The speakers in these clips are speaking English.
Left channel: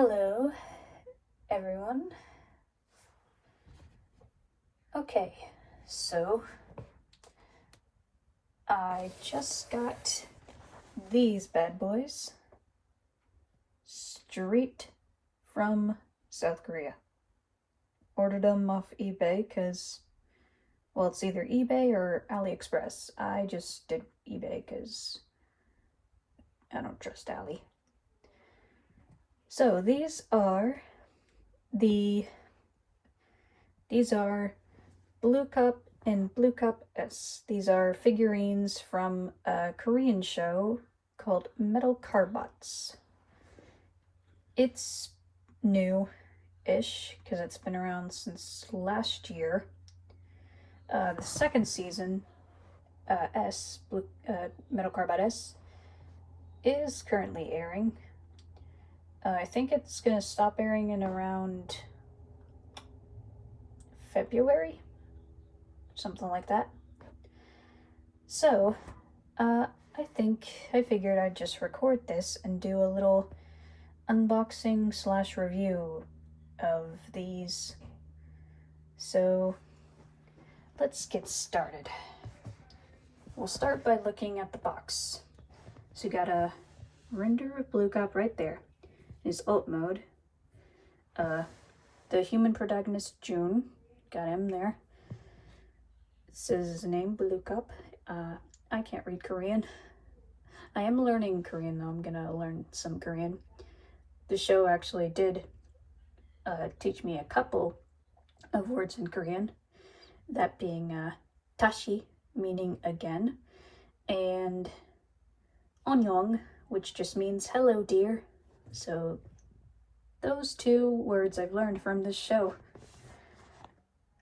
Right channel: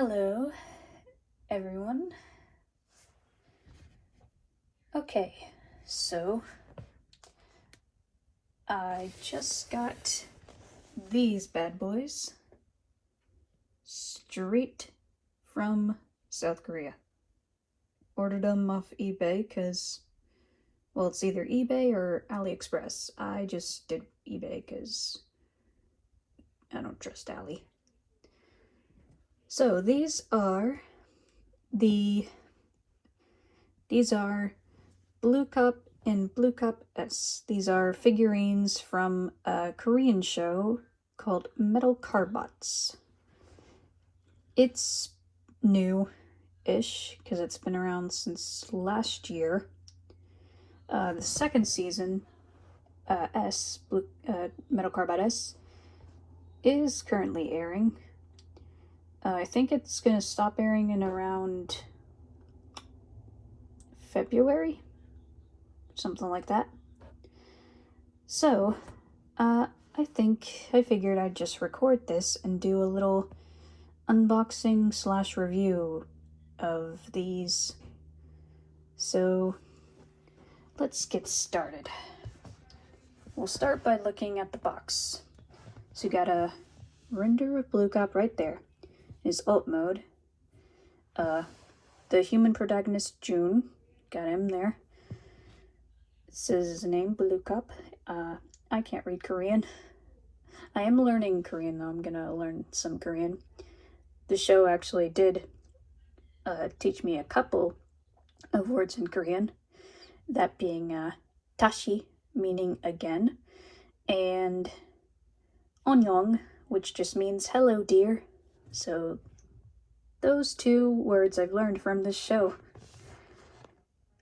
Hello, everyone. Okay, so I just got these bad boys straight from South Korea. Ordered them off eBay because, well, it's either eBay or AliExpress. I just did eBay because I don't trust Ali. So these are Blue Cup and Blue Cup S. These are figurines from a Korean show called Metal Carbots. It's new-ish because it's been around since last year. The second season, Metal Carbot S, is currently airing. I think it's gonna stop airing in around February, something like that. So, I figured I'd just record this and do a little unboxing / review of these. So, let's get started. We'll start by looking at the box. So you got a render of Blue Cop right there. His alt mode. The human protagonist June, got him there. It says his name, Blue Cup. I can't read Korean. I am learning Korean though. I'm gonna learn some Korean. The show actually did teach me a couple of words in Korean. That being tashi, meaning again, and onnyeong, which just means hello dear. So those two words I've learned from this show.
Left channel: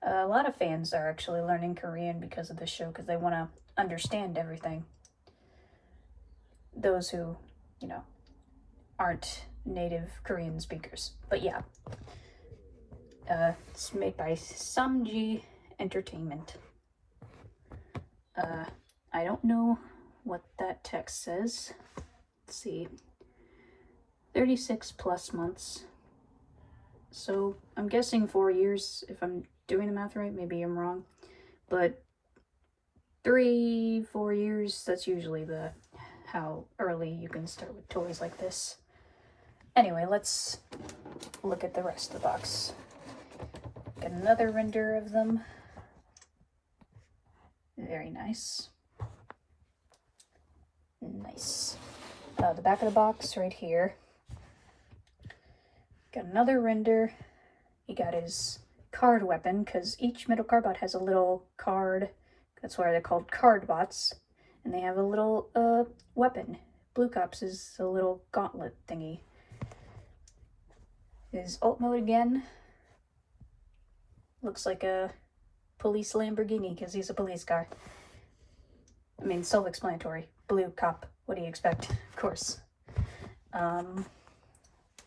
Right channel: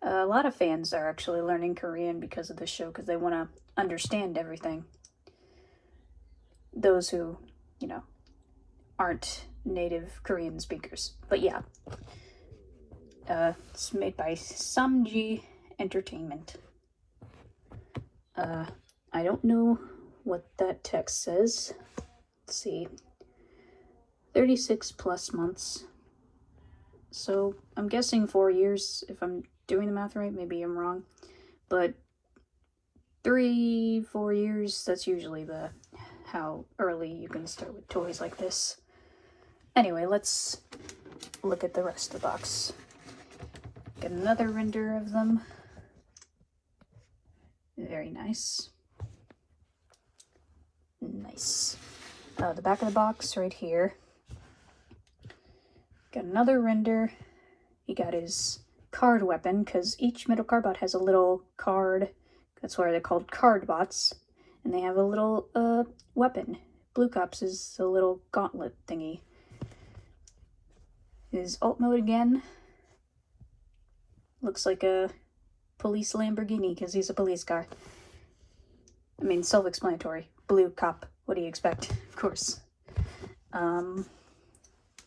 A lot of fans are actually learning Korean because of this show because they want to understand everything. Those who, aren't native Korean speakers. But yeah, it's made by Samji Entertainment. I don't know what that text says. Let's see. 36 plus months. So I'm guessing 4 years if I'm doing the math right. Maybe I'm wrong. But 3-4 years, that's usually how early you can start with toys like this. Anyway, let's look at the rest of the box. Get another render of them. Very nice. Nice. The back of the box right here. Got another render. He got his card weapon because each Metal Carbot has a little card. That's why they're called cardbots. And they have a little weapon. Blue Cop's is a little gauntlet thingy. His alt mode again. Looks like a police Lamborghini because he's a police car. I mean, self-explanatory. Blue Cop. What do you expect? Of course.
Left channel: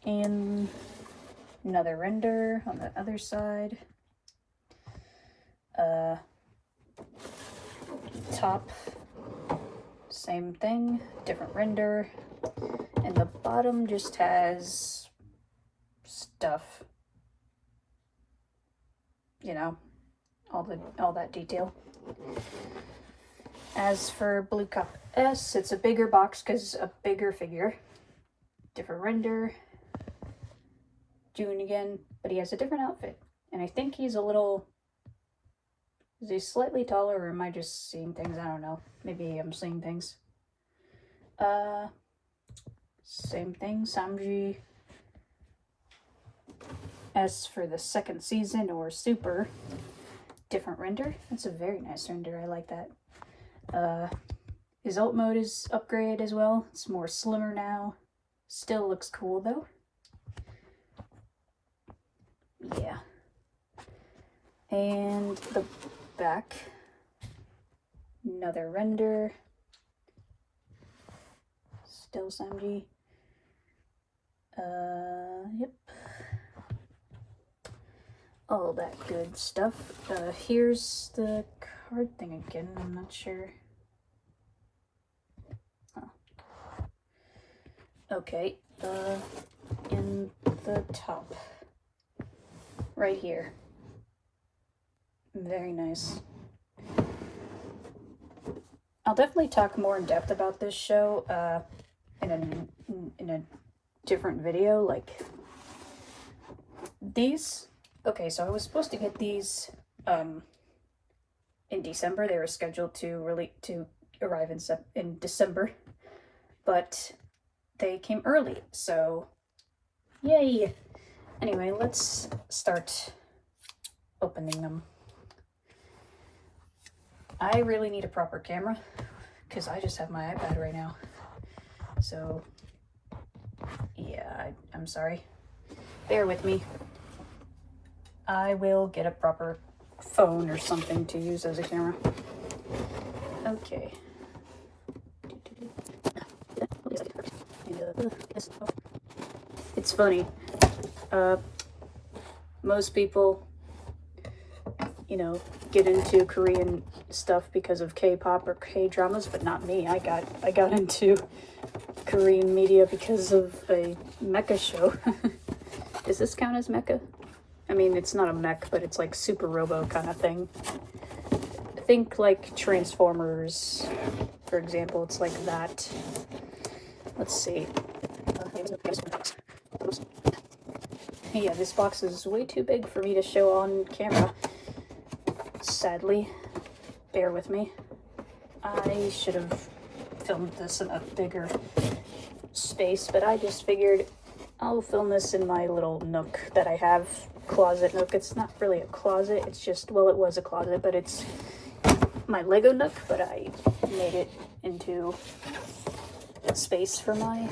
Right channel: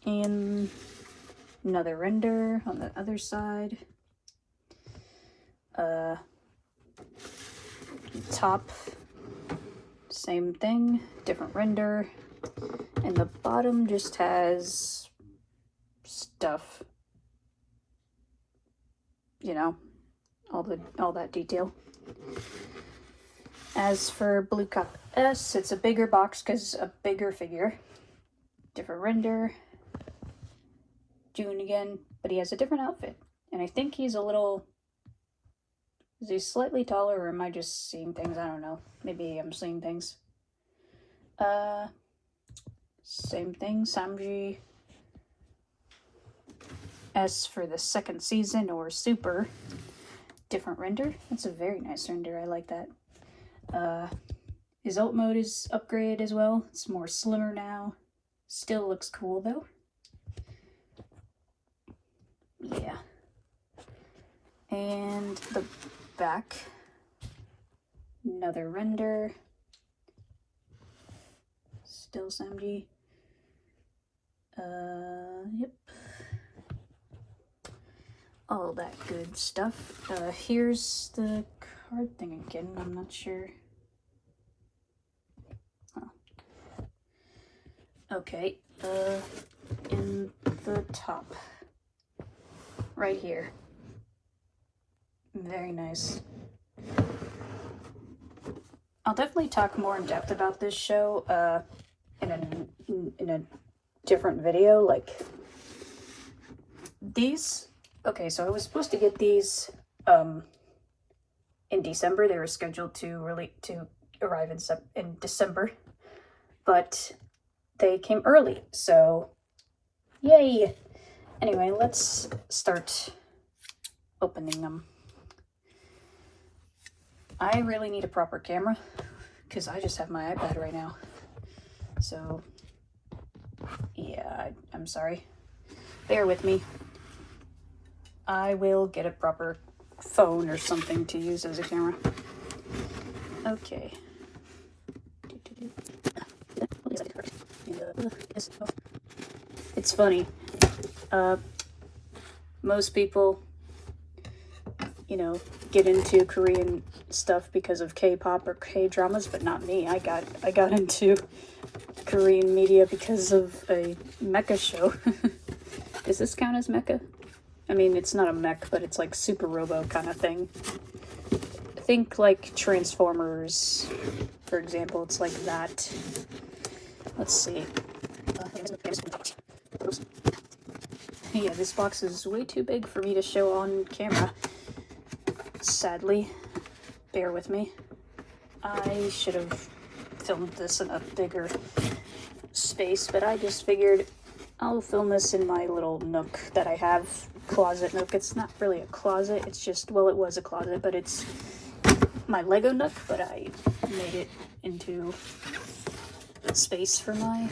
And another render on the other side. Top, same thing, different render. And the bottom just has stuff. All that detail. As for Blue Cup S, it's a bigger box because a bigger figure. Different render. June again, but he has a different outfit. And I think he's is he slightly taller, or am I just seeing things? I don't know. Maybe I'm seeing things. Same thing, Samji S for the second season, or Super. Different render. That's a very nice render. I like that. His alt mode is upgraded as well. It's more slimmer now. Still looks cool though. Yeah. And the back. Another render. Still Samji. Yep. All that good stuff. Here's the card thing again. I'm not sure. Oh. Okay. In the top. Right here. Very nice. I'll definitely talk more in depth about this show in a different video. Like these. Okay, so I was supposed to get these in December. They were scheduled to arrive in December, but they came early. So, yay! Anyway, let's start opening them. I really need a proper camera because I just have my iPad right now. So, yeah, I'm sorry. Bear with me. I will get a proper phone or something to use as a camera. Okay. It's funny. Most people, you know, get into Korean stuff because of K-pop or K-dramas, but not me. I got into Korean media because of a mecha show. Does this count as mecha? I mean, it's not a mech, but it's like Super Robo kind of thing. Think like Transformers, for example. It's like that. Let's see. Yeah, this box is way too big for me to show on camera. Sadly, bear with me. I should have filmed this in a bigger space, but I just figured I'll film this in my little nook that I have. Closet nook. It's not really a closet, it's just, well, it was a closet, but it's my Lego nook, but I made it into a space for my,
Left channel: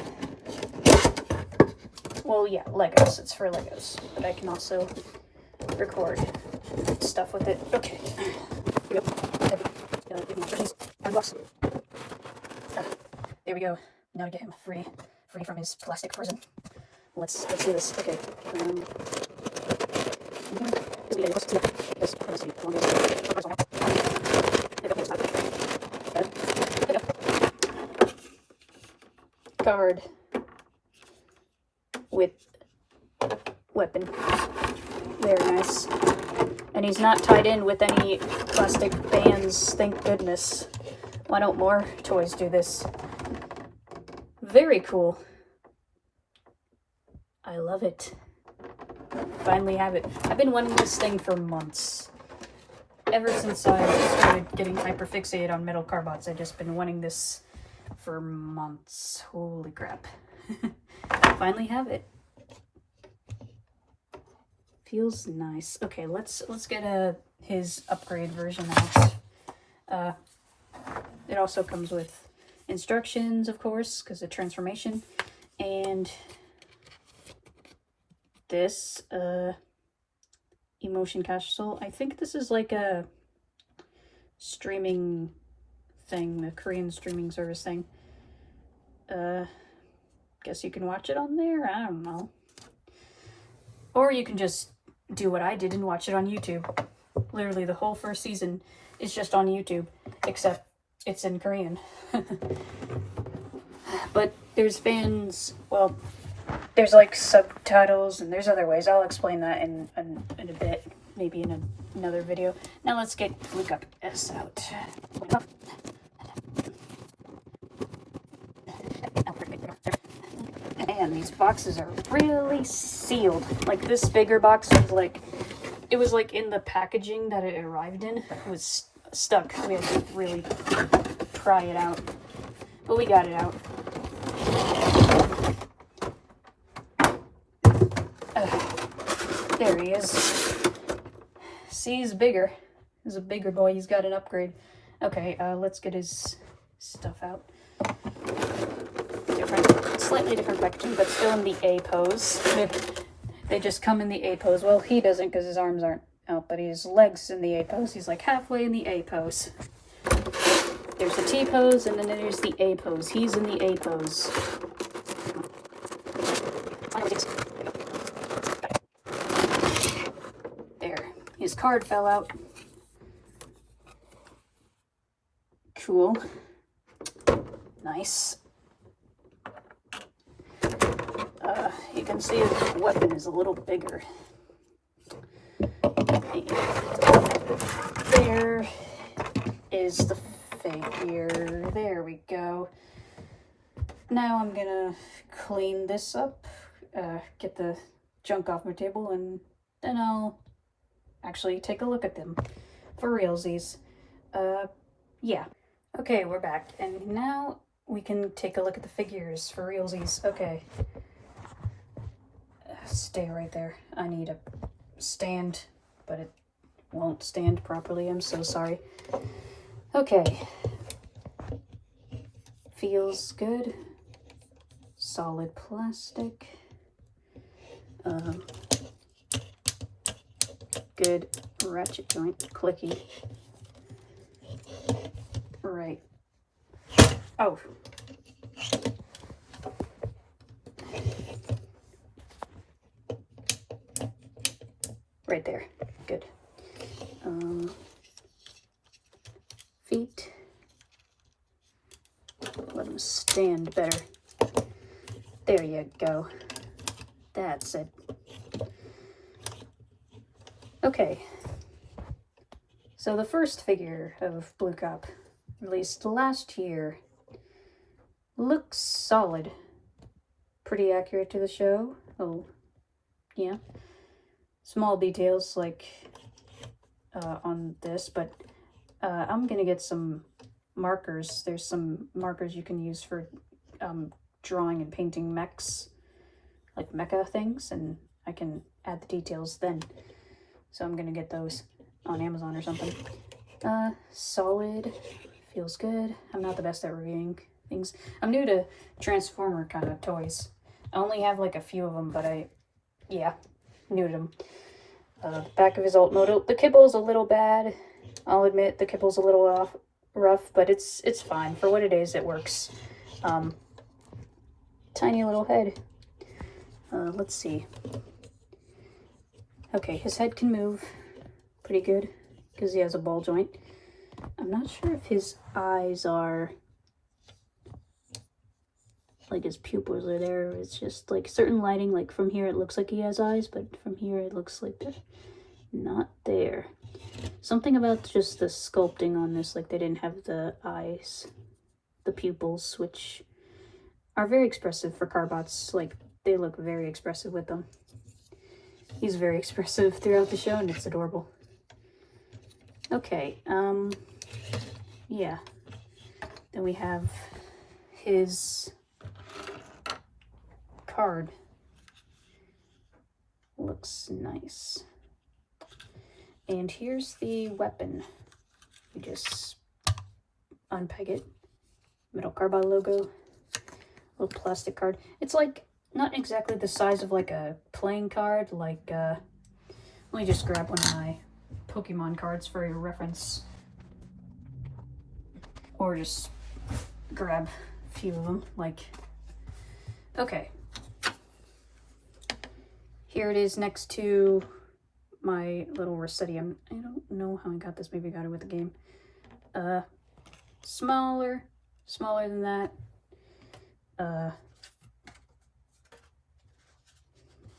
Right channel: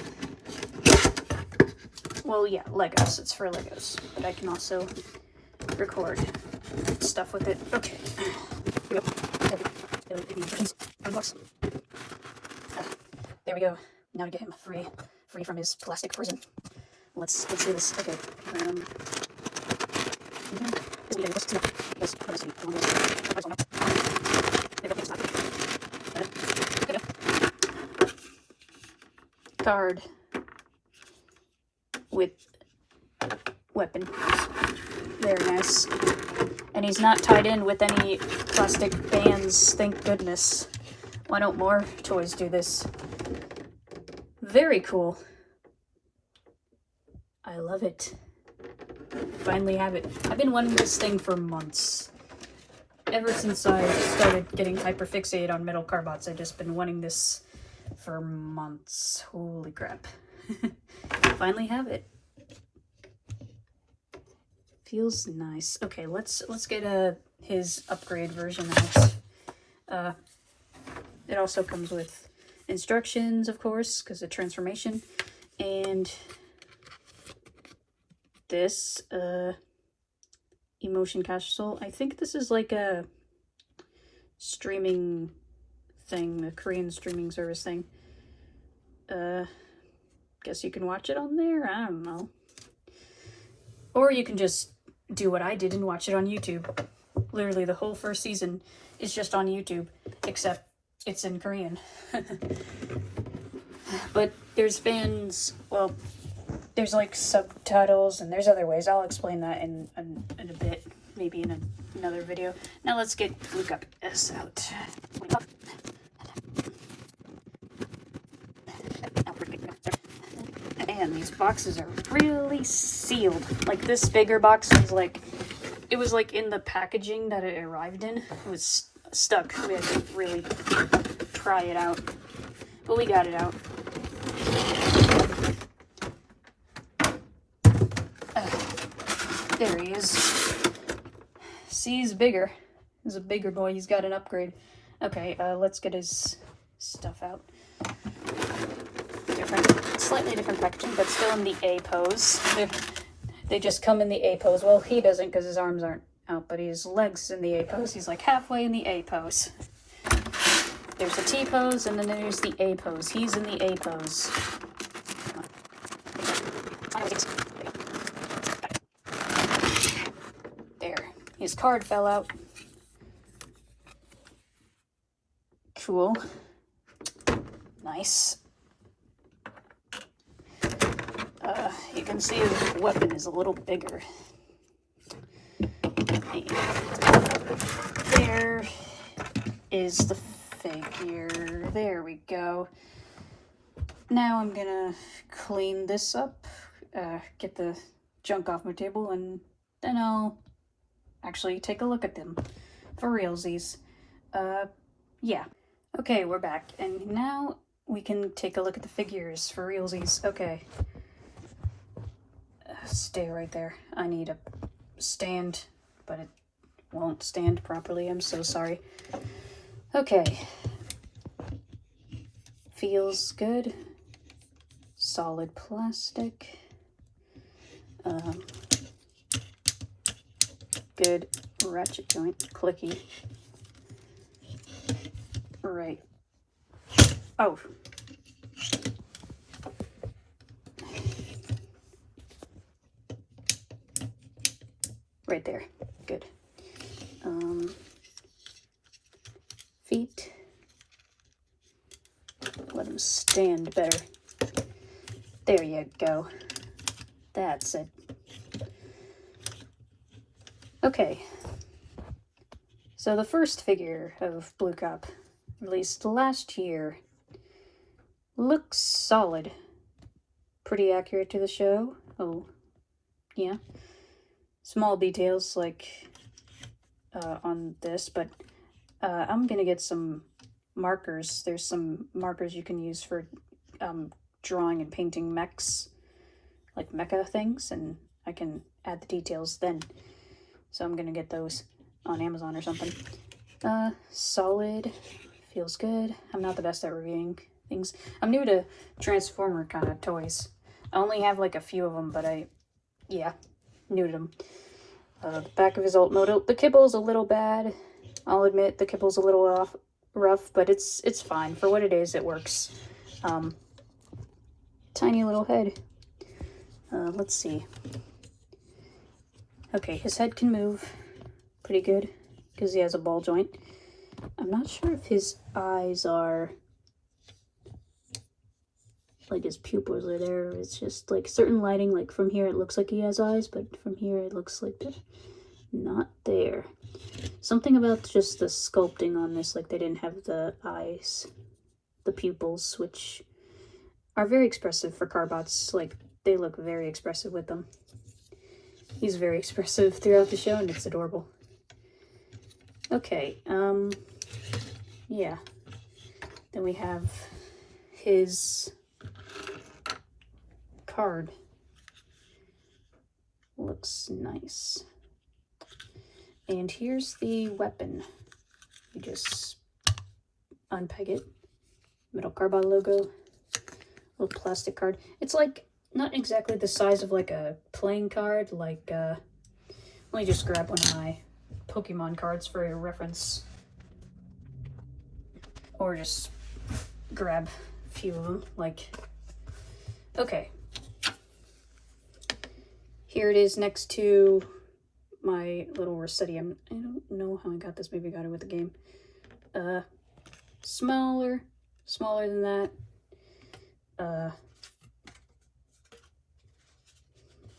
well, yeah, Legos. It's for Legos, but I can also record stuff with it. Okay. There we go. Now to get him free from his plastic prison. Let's do this. Okay. Card with weapon. Very nice. And he's not tied in with any plastic bands, thank goodness. Why don't more toys do this? Very cool. I love it. Finally have it. I've been wanting this thing for months. Ever since I started getting hyperfixated on metal carbots, I've just been wanting this for months. Holy crap. Finally have it. Feels nice. Okay, let's get his upgrade version out. It also comes with instructions, of course, because of transformation, and this emotion capsule. I think this is like a streaming thing, the Korean streaming service thing. Guess you can watch it on there. I don't know. Or you can just do what I did and watch it on YouTube. Literally the whole first season is just on YouTube, except it's in Korean. But there's fans, well, there's like subtitles and there's other ways. I'll explain that in a bit, maybe in another video. Now let's look up this out. Man, these boxes are really sealed. Like this bigger box was like, it was like in the packaging that it arrived in. It was stuck. We had to really pry it out. But we got it out. There he is. See, he's bigger. He's a bigger boy. He's got an upgrade. Okay, let's get his stuff out. Slightly different packaging, but still in the A pose. They just come in the A pose. Well, he doesn't because his arms aren't out, but his legs in the A pose. He's like halfway in the A pose. There's the T pose, and then there's the A pose. He's in the A pose. There. His card fell out. Cool. Nice. You can can see his weapon is a little bigger. There is the figure. There we go. Now I'm gonna clean this up, get the junk off my table, and then I'll actually take a look at them for realsies. Yeah. Okay, we're back, and now we can take a look at the figures for realsies. Okay. Stay right there. I need a stand, but it won't stand properly. I'm so sorry. Okay. Feels good. Solid plastic. Good ratchet joint. Clicky. Right. Oh. Right there. Good. Feet. Let them stand better. There you go. That's it. Okay. So the first figure of Blue Cop, released last year, looks solid. Pretty accurate to the show. Oh, yeah. Small details like on this, but I'm gonna get some markers. There's some markers you can use for drawing and painting mechs, like mecha things, and I can add the details then. So I'm gonna get those on Amazon or something. Solid, feels good. I'm not the best at reviewing things. I'm new to Transformer kind of toys. I only have like a few of them, but yeah, new to them. Back of his alt model. The kibble's a little bad. I'll admit the kibble's a little rough, but it's fine. For what it is, it works. Tiny little head. Let's see. Okay, his head can move pretty good because he has a ball joint. I'm not sure if his eyes are like his pupils are there. It's just like certain lighting, like from here it looks like he has eyes, but from here it looks like they're not there. Something about just the sculpting on this, like they didn't have the eyes, the pupils, which are very expressive for carbots. Like they look very expressive with them. He's very expressive throughout the show, and it's adorable. Okay, yeah. Then we have his card. Looks nice. And here's the weapon. You just unpeg it. Metal carbide logo. Little plastic card. It's like not exactly the size of like a playing card. Like, let me just grab one of my Pokemon cards for your reference. Or just grab a few of them. Like, okay. Here it is next to my little Rossetti. I don't know how I got this. Maybe I got it with the game. Smaller than that.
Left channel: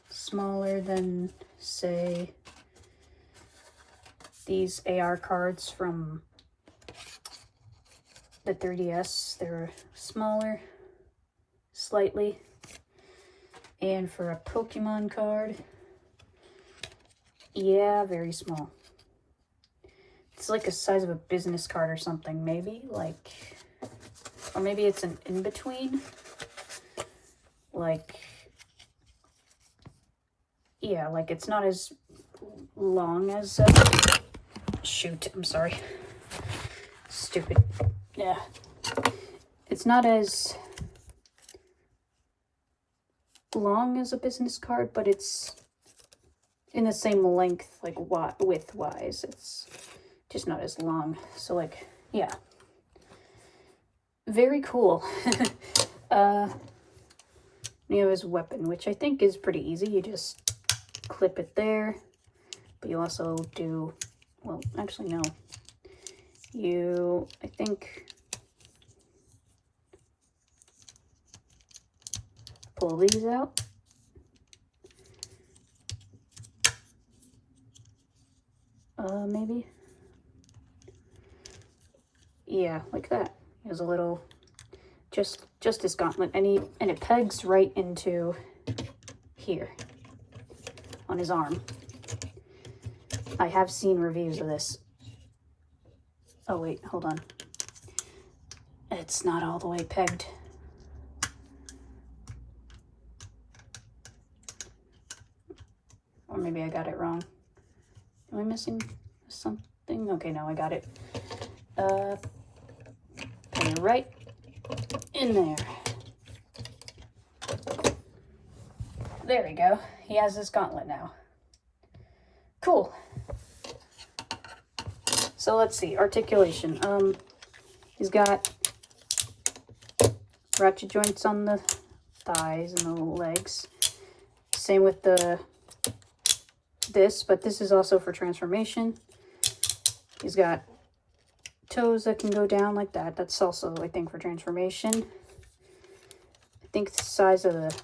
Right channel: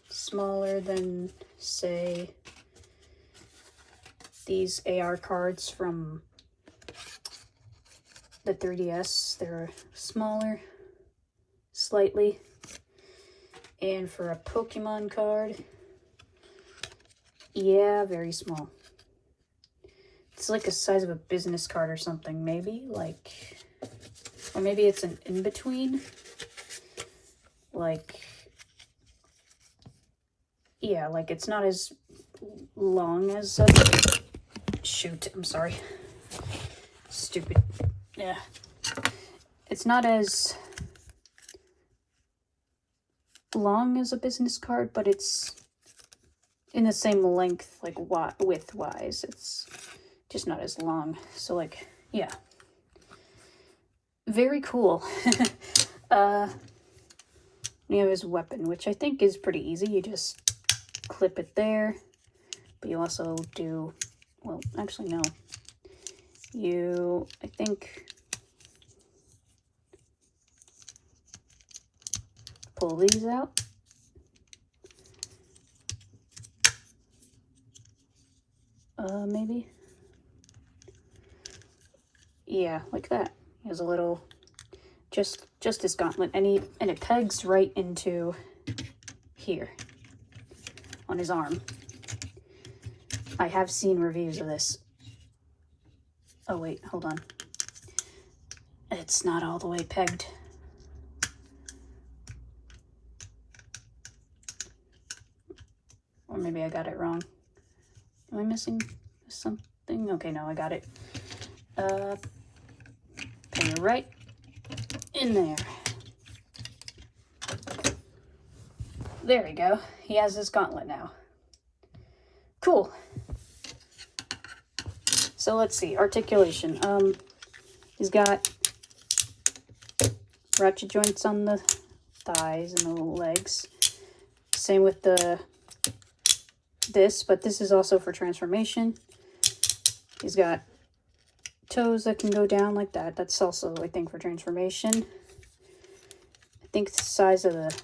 Smaller than, say, these AR cards from the 3DS. They're smaller, slightly. And for a Pokemon card, yeah, very small. It's like the size of a business card or something, maybe, like, or maybe it's an in-between, like, yeah, like it's not as long as, shoot, I'm sorry, stupid, yeah, it's not as long as a business card, but it's in the same length, like width-wise. It's just not as long. So, like, yeah. Very cool. You have his weapon, which I think is pretty easy. You just clip it there. But you also do, well, actually, no. I think, pull these out. maybe? Yeah, like that. He has a little, just his gauntlet, and it pegs right into here on his arm. I have seen reviews of this. Oh wait, hold on. It's not all the way pegged. Or maybe I got it wrong. Am I missing something? Okay, no, I got it. Peg it right in there. There we go. He has his gauntlet now. Cool. So let's see, articulation. He's got ratchet joints on the thighs and the legs. Same with this, but this is also for transformation. He's got toes that can go down like that. That's also, I think, for transformation. I think the size of the,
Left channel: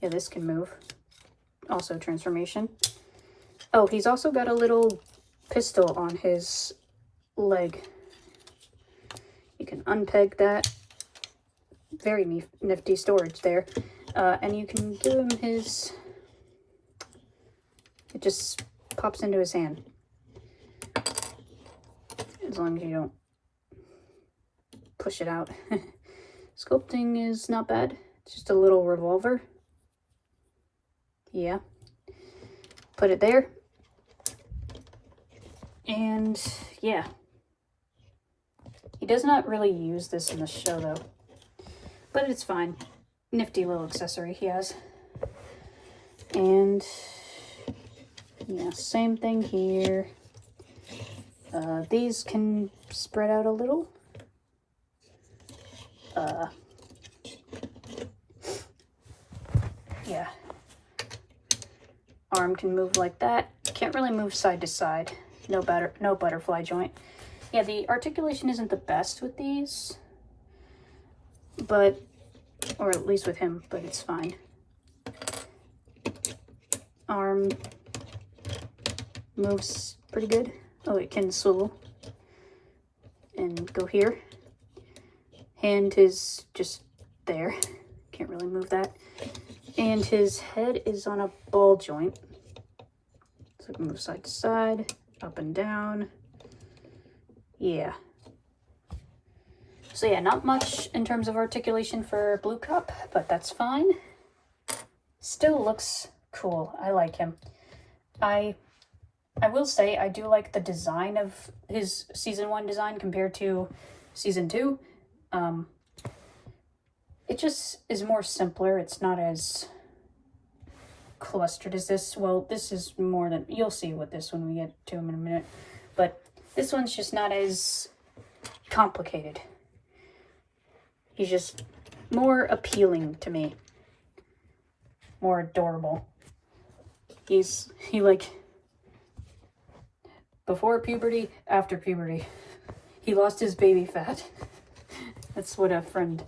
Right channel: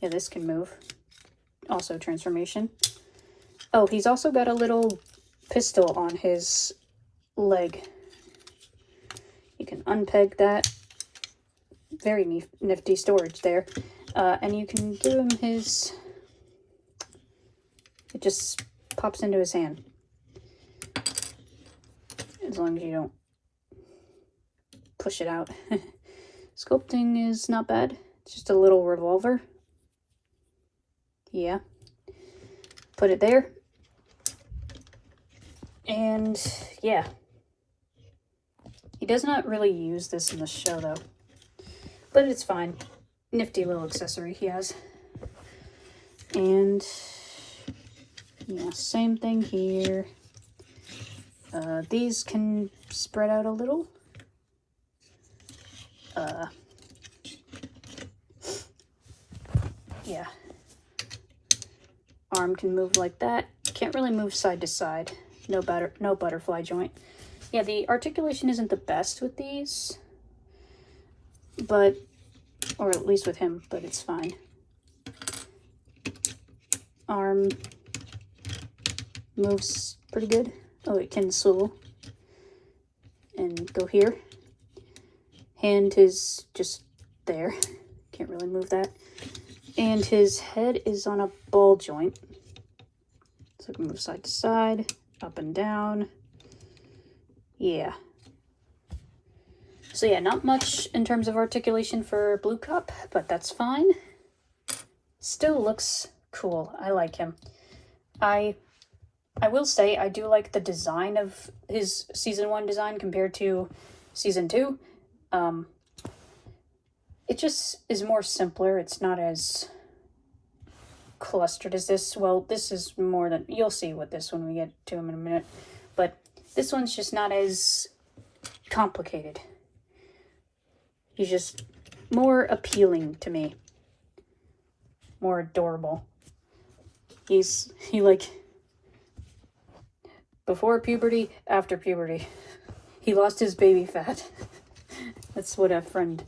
yeah, this can move. Also transformation. Oh, he's also got a little pistol on his leg. You can unpeg that. Very nifty storage there. And you can give him his, it just pops into his hand. As long as you don't push it out. Sculpting is not bad. It's just a little revolver. Yeah. Put it there. And yeah. He does not really use this in the show though. But it's fine. Nifty little accessory he has. And yeah, same thing here. These can spread out a little. Yeah. Arm can move like that. Can't really move side to side. No butterfly joint. Yeah, the articulation isn't the best with these. But, or at least with him, but it's fine. Arm moves pretty good. Oh, it can swivel and go here. Hand is just there. Can't really move that. And his head is on a ball joint. So it can move side to side, up and down. Yeah. So yeah, not much in terms of articulation for Blue Cup, but that's fine. Still looks cool. I like him. I will say I do like the design of his season 1 design compared to season 2. It just is more simpler. It's not as clustered as this. Well, this is more than, you'll see with this when we get to him in a minute. But this one's just not as complicated. He's just more appealing to me. More adorable. He like, before puberty, after puberty. He lost his baby fat. That's what a friend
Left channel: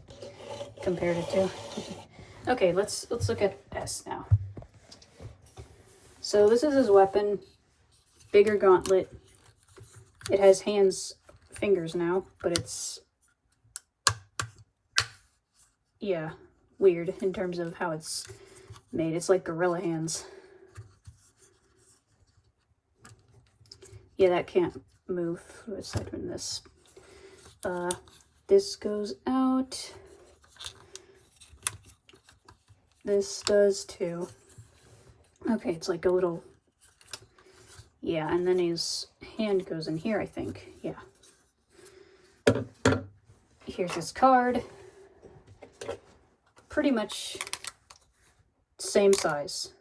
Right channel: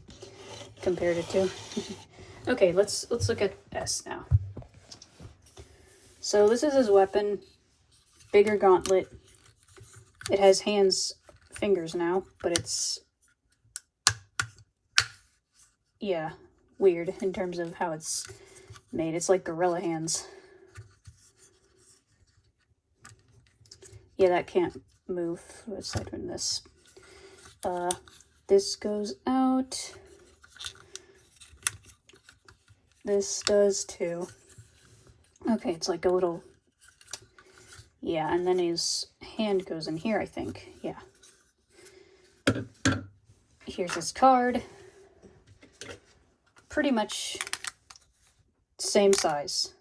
compared it to. Okay, let's look at S now. So this is his weapon. Bigger gauntlet. It has fingers now, but it's, yeah, weird in terms of how it's made. It's like gorilla hands. Yeah, that can't move aside from this. This goes out. This does too. Okay, it's like a little, yeah, and then his hand goes in here, I think. Yeah. Here's his card. Pretty much same size.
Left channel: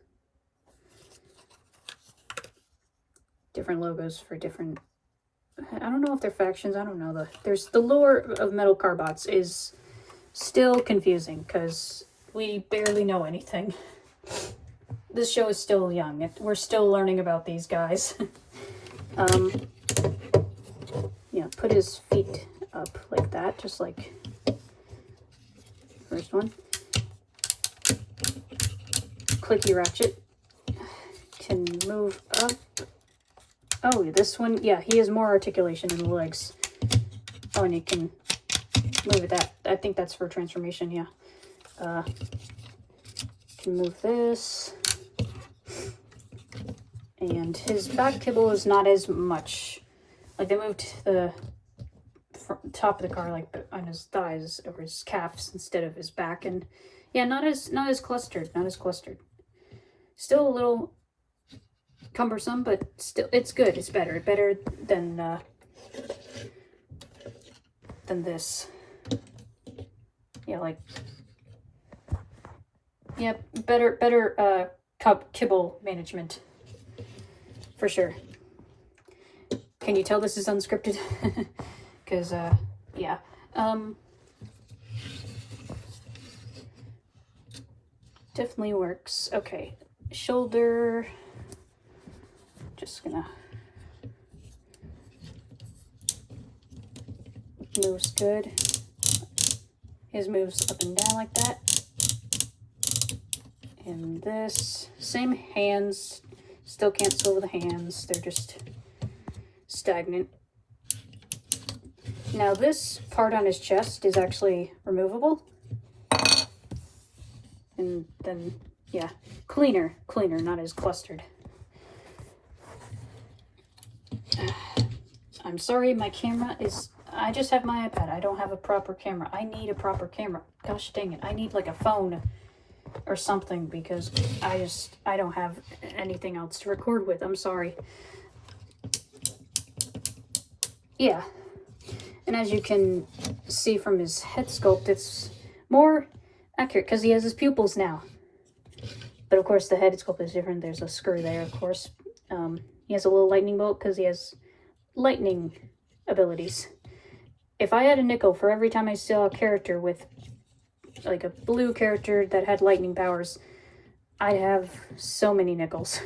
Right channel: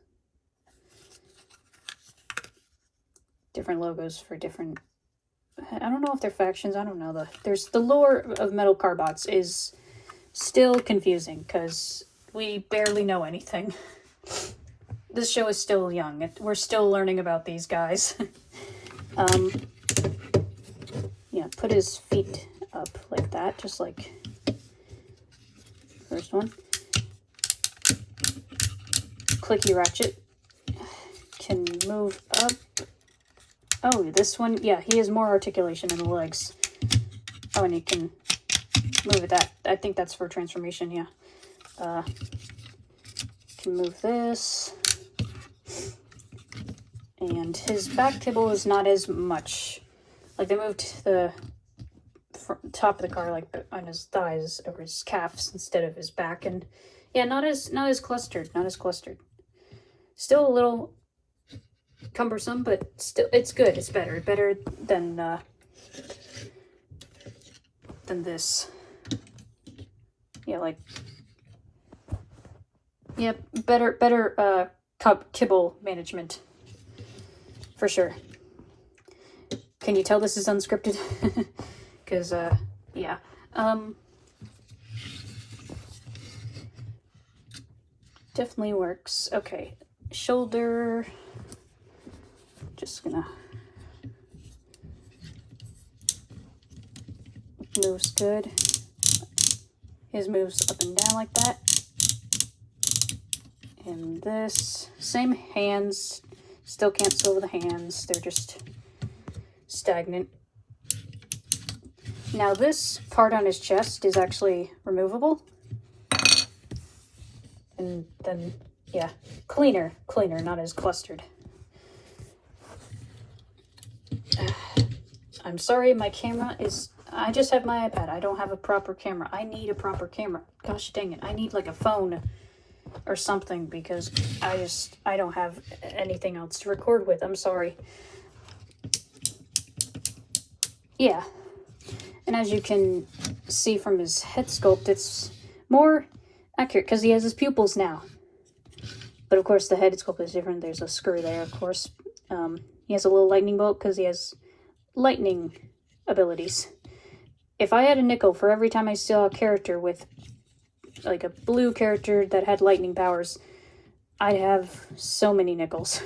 Different logos for different, I don't know if they're factions, I don't know. There's the lore of metal carbots is still confusing because we barely know anything. This show is still young. We're still learning about these guys. Yeah, put his feet up like that, just like first one. Clicky ratchet. Can move up Oh, this one, yeah, he has more articulation in the legs. Oh, and he can move it that. I think that's for transformation, yeah. Can move this. And his back kibble is not as much. Like, they moved the top of the car, like, on his thighs or his calves instead of his back. And, yeah, not as clustered. Not as clustered. Still a little cumbersome, but still, it's good. It's better. Better than this. Yeah, like, yeah, better kibble management. For sure. Can you tell this is unscripted? Because, yeah. Definitely works. Okay. Shoulder. Just gonna... Moves good. His moves up and down like that. And this. Same hands. Still can't sew the hands. They're just stagnant. Now this part on his chest is actually removable. And then, yeah, cleaner, not as clustered. I'm sorry, my camera is... I just have my iPad. I don't have a proper camera. I need a proper camera. Gosh dang it. I need like a phone or something because I don't have anything else to record with. I'm sorry. Yeah. And as you can see from his head sculpt, it's more accurate because he has his pupils now. But of course the head sculpt is different. There's a screw there, of course. He has a little lightning bolt because he has lightning abilities. If I had a nickel for every time I saw a character with like a blue character that had lightning powers, I'd have so many nickels.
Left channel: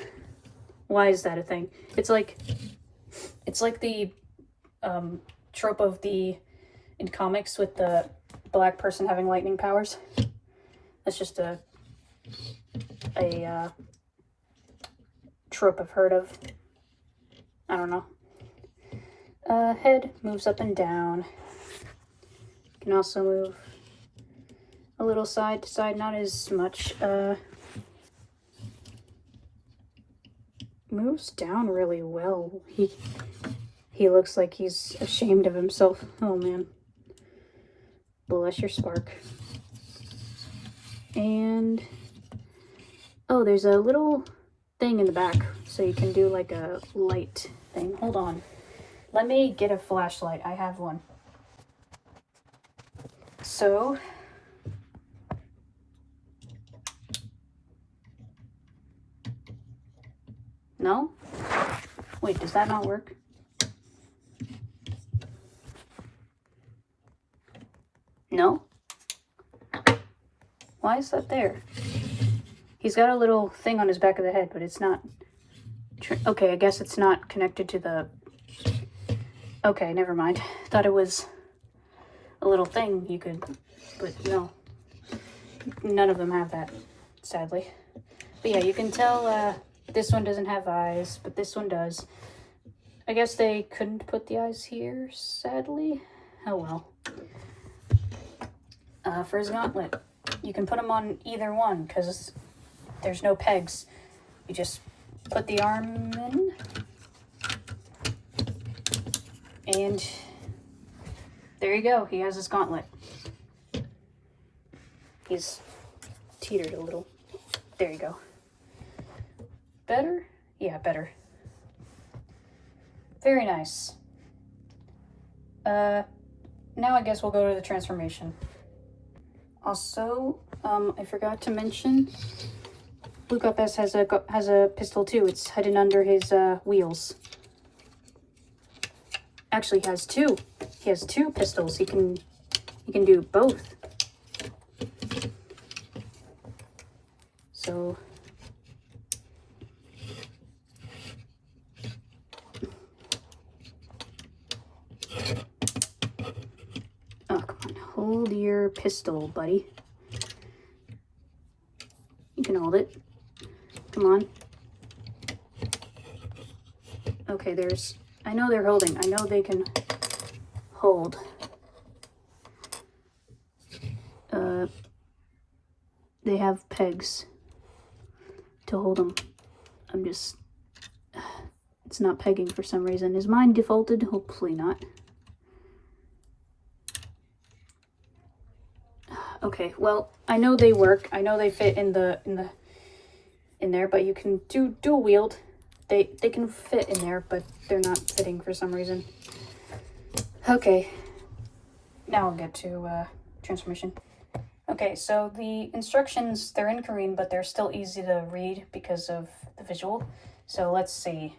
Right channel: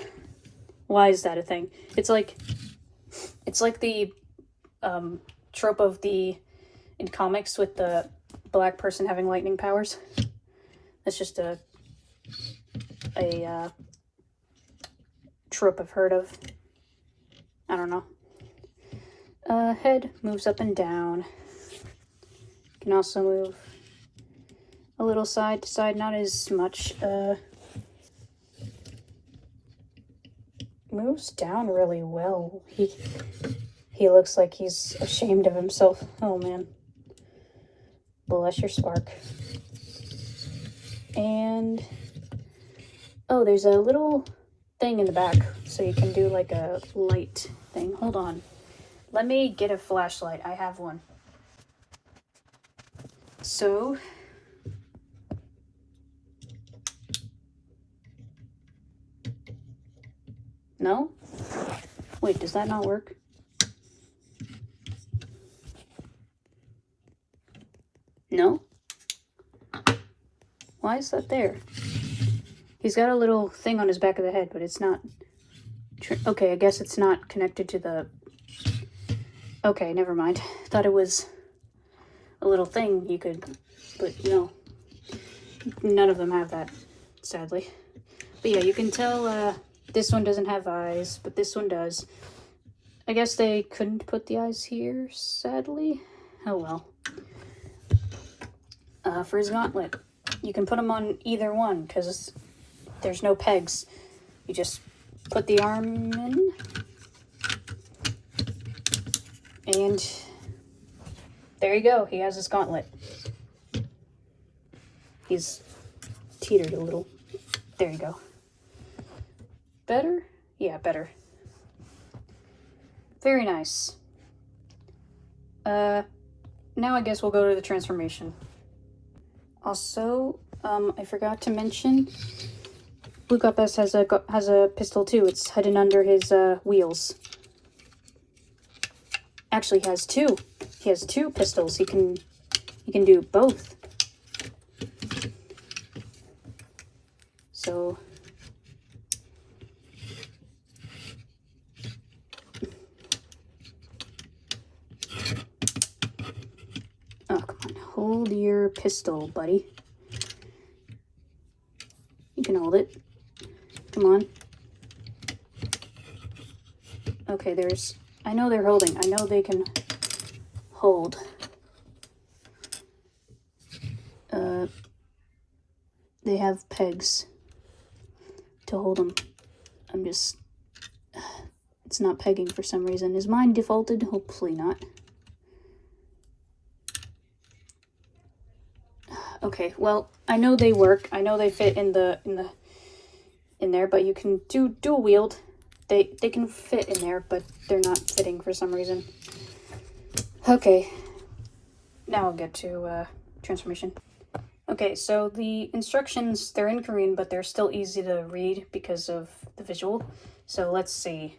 Why is that a thing? It's like the trope of in comics with the black person having lightning powers. That's just a trope I've heard of. I don't know. Head moves up and down. Can also move a little side to side, not as much. Moves down really well. He looks like he's ashamed of himself. Oh man. Bless your spark. And oh, there's a little thing in the back so you can do like a light thing. Hold on. Let me get a flashlight. I have one. So, no? Wait, does that not work? No? Why is that there? He's got a little thing on his back of the head, but it's not... Okay, I guess it's not connected to the... Okay, never mind. Thought it was a little thing you could... But no. None of them have that, sadly. But yeah, you can tell this one doesn't have eyes, but this one does. I guess they couldn't put the eyes here, sadly. Oh well. For his gauntlet, you can put them on either one, because there's no pegs. You just put the arm in, and there you go. He has his gauntlet. He's teetered a little. There you go. Better? Yeah, better. Very nice. Now I guess we'll go to the transformation. Also, I forgot to mention, Blue Cup S has a pistol too. It's hidden under his wheels. Actually, he has two. He has two pistols. He can do both. So oh, come on. Hold your pistol, buddy. You can hold it. Come on. Okay, I know they're holding. I know they can hold. They have pegs to hold them. It's not pegging for some reason. Is mine defaulted? Hopefully not. Okay, well, I know they work. I know they fit in there, but you can do dual wield. They can fit in there, but they're not fitting for some reason. Okay, now I'll get to transformation. Okay, so the instructions, they're in Korean, but they're still easy to read because of the visual. So let's see.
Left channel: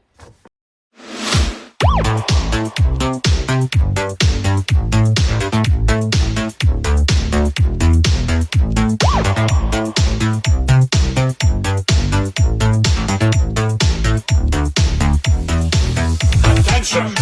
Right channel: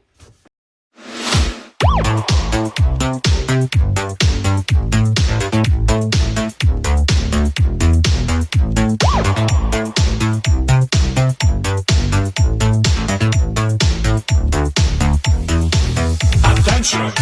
Attention!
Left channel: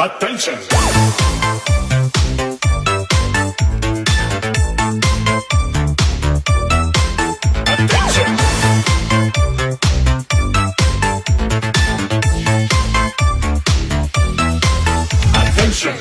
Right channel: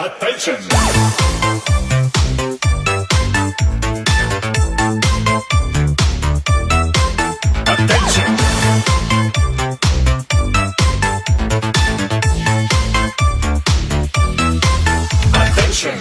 Attention! Attention! Attention!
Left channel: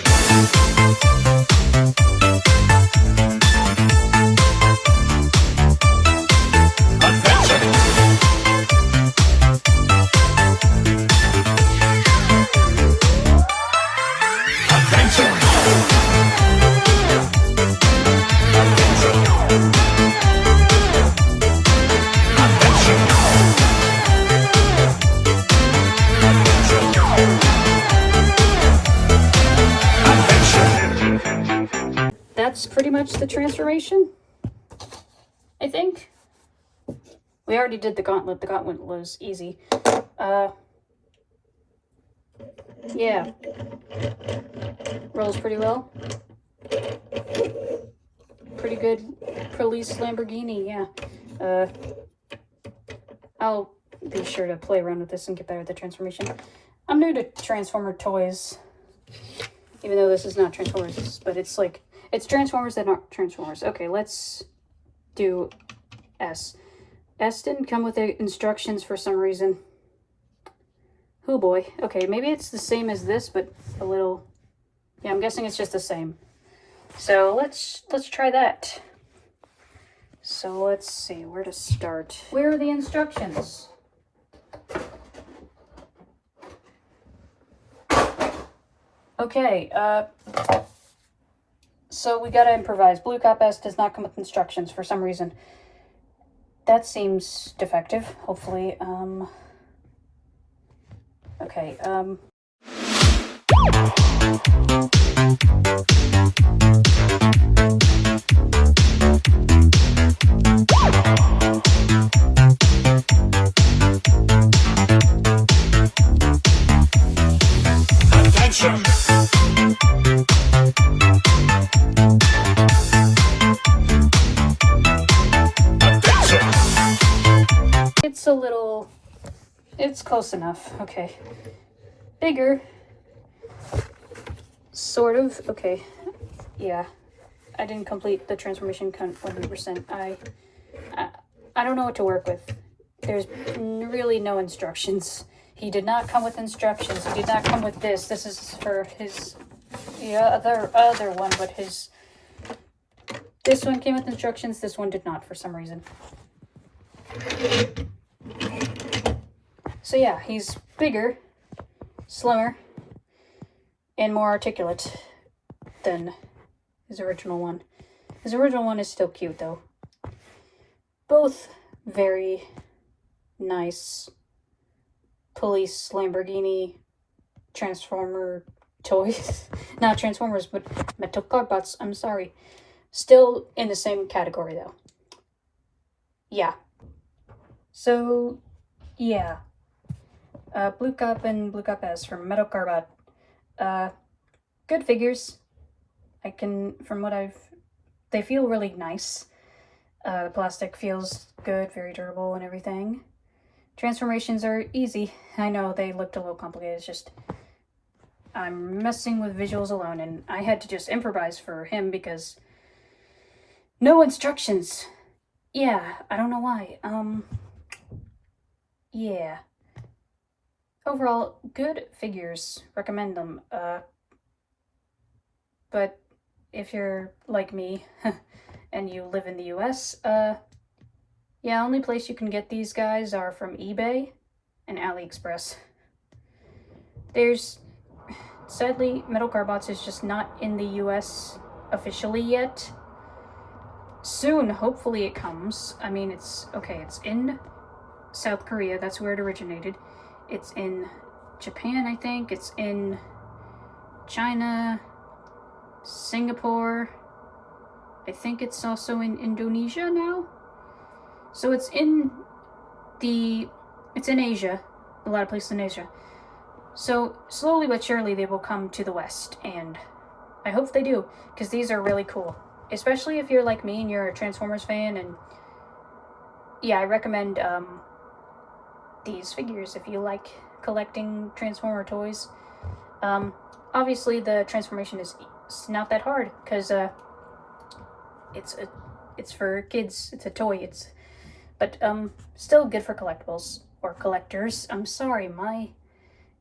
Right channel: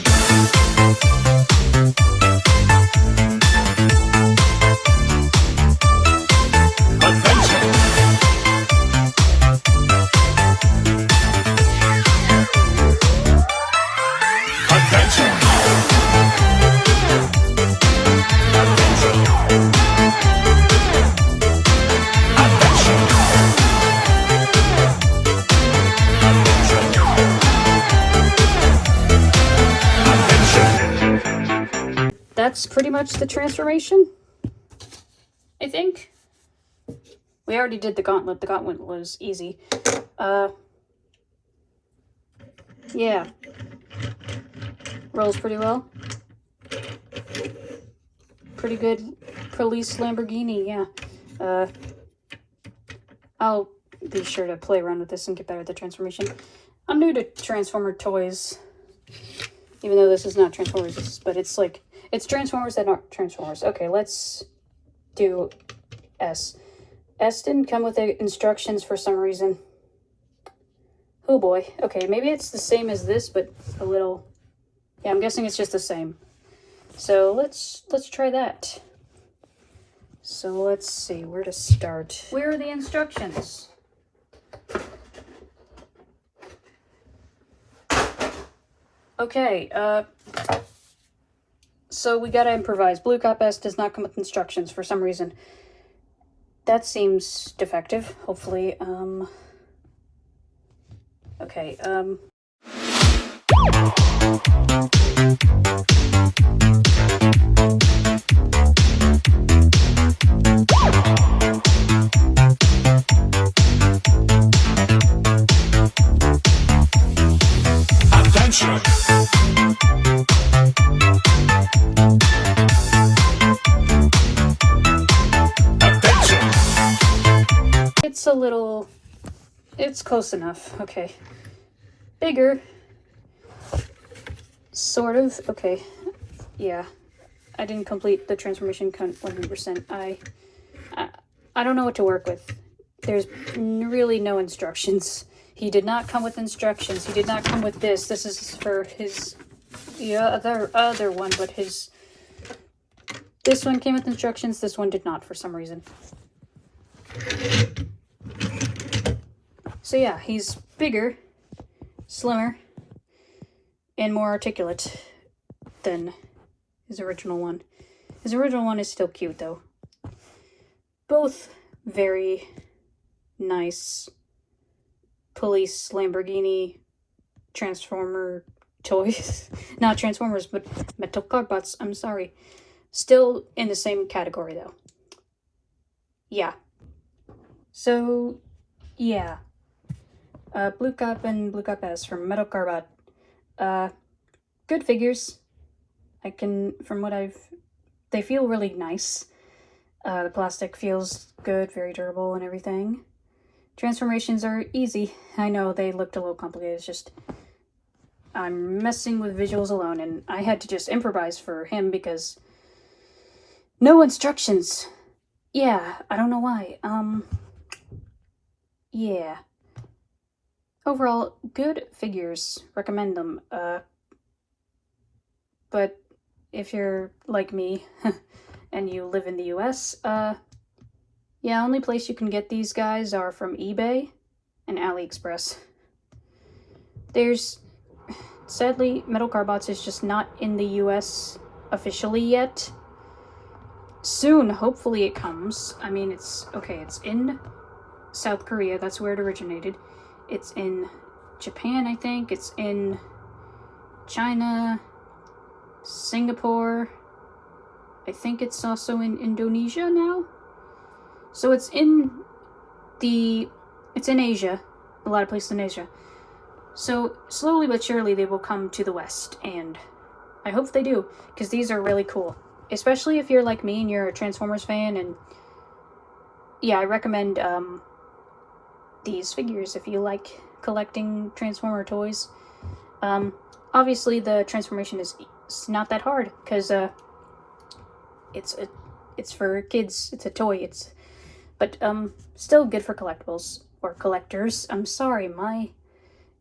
That's pretty much the transformation, I think. We already did the gauntlet. The gauntlet was easy. Yeah. Rolls pretty well. Pretty good police Lamborghini, yeah. I'll be sure to play around with this and get better at the transformation. I'm new to Transformer toys. Even though this is not Transformers, but it's like, it's Transformers that aren't Transformers. Okay, let's do S. S didn't come with the instructions for some reason. Oh boy. Okay, maybe it's the same as this, but a little... Yeah, I'm guessing it's just the same. So let's try that. So let's see where to start. Where are the instructions? Okay, so we gotta improvise. Blue Cop S does not come with instructions for some reason. That seems defective. Hopefully, okay, Attention! It's a little... It's close enough. Okay. Bigger. Sort of. Okay. Yeah. I didn't complete the transformation 100%. I don't know what to work with. There's really no instructions. He did not come with instructions. He did not come with this. This is for his other one, but his... This one came with instructions. This one did not for some reason. So yeah, he's bigger, slimmer, and more articulate than his original one. His original one is still cute though. Both very nice police Lamborghini Transformer toys. Not Transformers, but metal cardbots. I'm sorry. Still in the same category, though. Yeah. So, yeah. Blue Cup and Blue Cup S from Metal Carbot. Good figures. From what they feel really nice. The plastic feels good, very durable and everything. Transformations are easy. I know they looked a little complicated, it's just I'm messing with visuals alone, and I had to just improvise for him because no instructions. Yeah, I don't know why. Yeah. Overall, good figures. Recommend them. But if you're like me and you live in the US, yeah, only place you can get these guys are from eBay and AliExpress. Sadly, Metal Carbots is just not in the US officially yet. Soon, hopefully it comes. I mean, it's in South Korea, that's where it originated. It's in Japan, I think. It's in China, Singapore. I think it's also in Indonesia now. So it's in Asia, a lot of places in Asia. So slowly but surely they will come to the West, and I hope they do, because these are really cool. Especially if you're like me and you're a Transformers fan, and yeah, I recommend these figures if you like collecting Transformer toys. Obviously the transformation is not that hard, because it's for kids, it's a toy, but still good for collectibles or collectors. I'm sorry,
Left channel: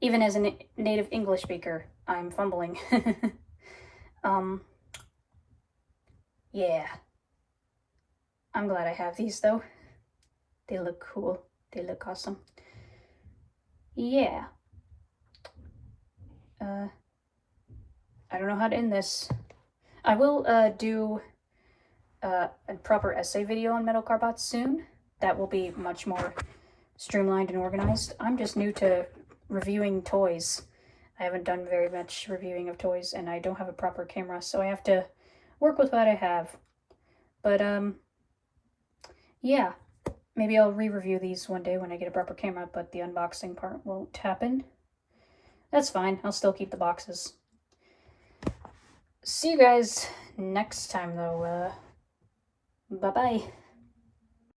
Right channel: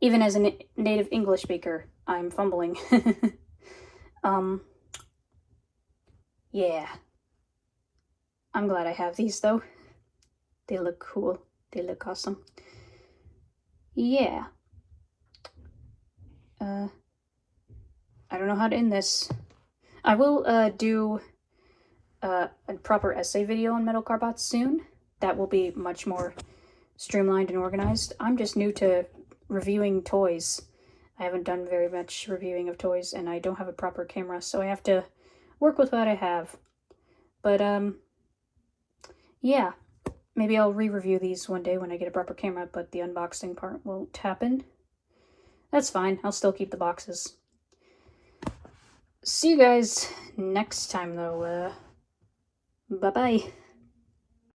even as a native English speaker, I'm fumbling. Yeah. I'm glad I have these though. They look cool. They look awesome. Yeah. I don't know how to end this. I will do a proper essay video on Metal Carbots soon. That will be much more streamlined and organized. I'm just new to reviewing toys. I haven't done very much reviewing of toys, and I don't have a proper camera, so I have to work with what I have. But yeah, maybe I'll re-review these one day when I get a proper camera, but the unboxing part won't happen. That's fine, I'll still keep the boxes. See you guys next time though. Bye-bye.